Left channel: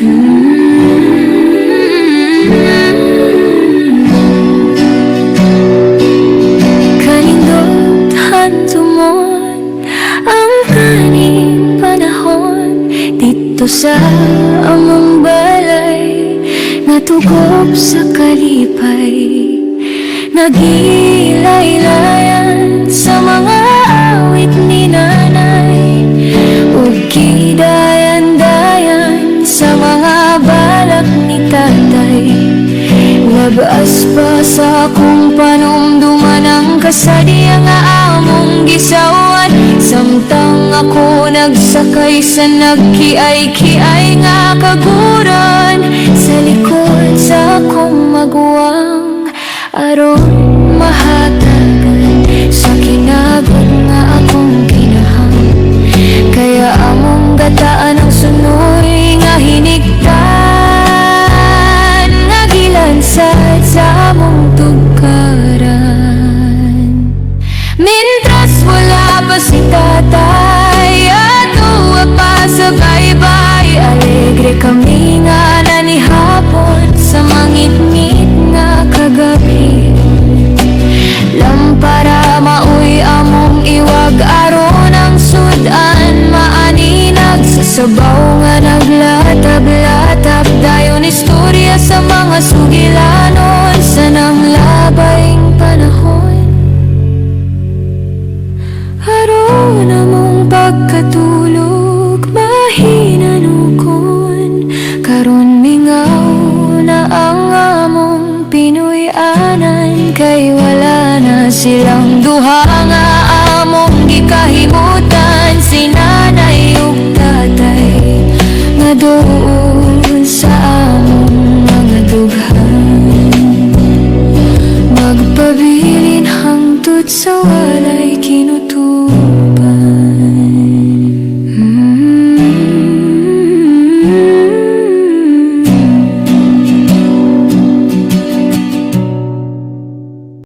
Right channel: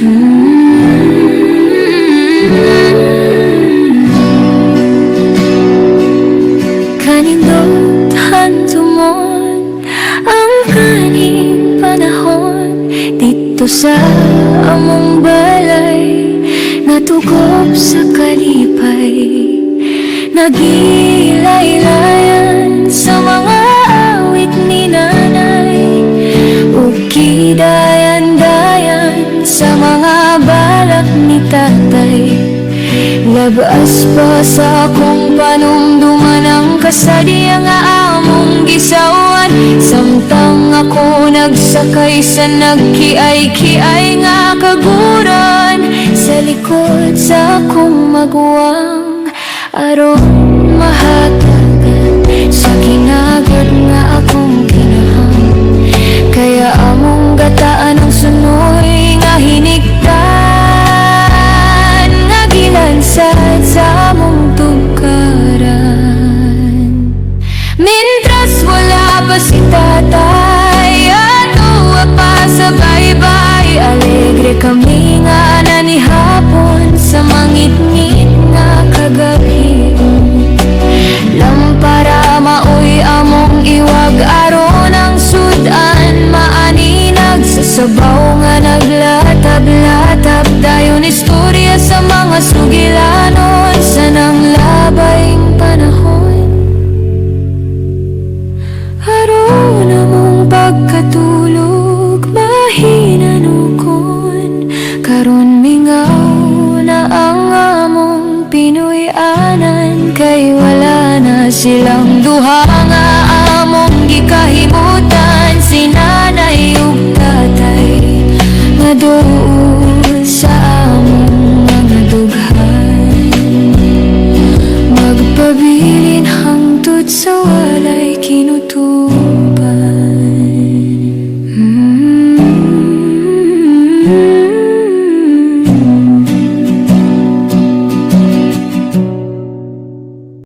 Kanindot hantumon ang kaning panahon dito sa among balay, natugob sa kalipay, nagilaylayan sa mga awit ni nanay, ug kidayan-dayan sa mga balak ni tatay. Labas pa sa akong panumduman ang kasadya nga among gisawan, samtang ako nagsakay sa nagkiay-kiay nga kaguran sa likod sa akong maguwang, aron mahatagan sa kinagod nga akong kinahang. Kaya among gataan ang sunoy nga hinigtan, nga gilansad sa among tugkaran. Mintras wala pa si tatay, atuwa pa sa baybay, alegre kami nga nanihapon sa mangit-ngit nga kagabion. Lampara maoy among iwag aron ang sudan maaninag sa sabaw nga naglatab-latab, dayon istorya sa mga sugilanon sa nanglabayng panahon. Aron among pagkatulog mahinanukon, karon mingaw na ang among Pinoy-anan, kay wala na silang duha nga among gikahimutan, si nanay ug tatay nga duol sa among mga dughan. Magpabilin hangtod sa walay kinuturan.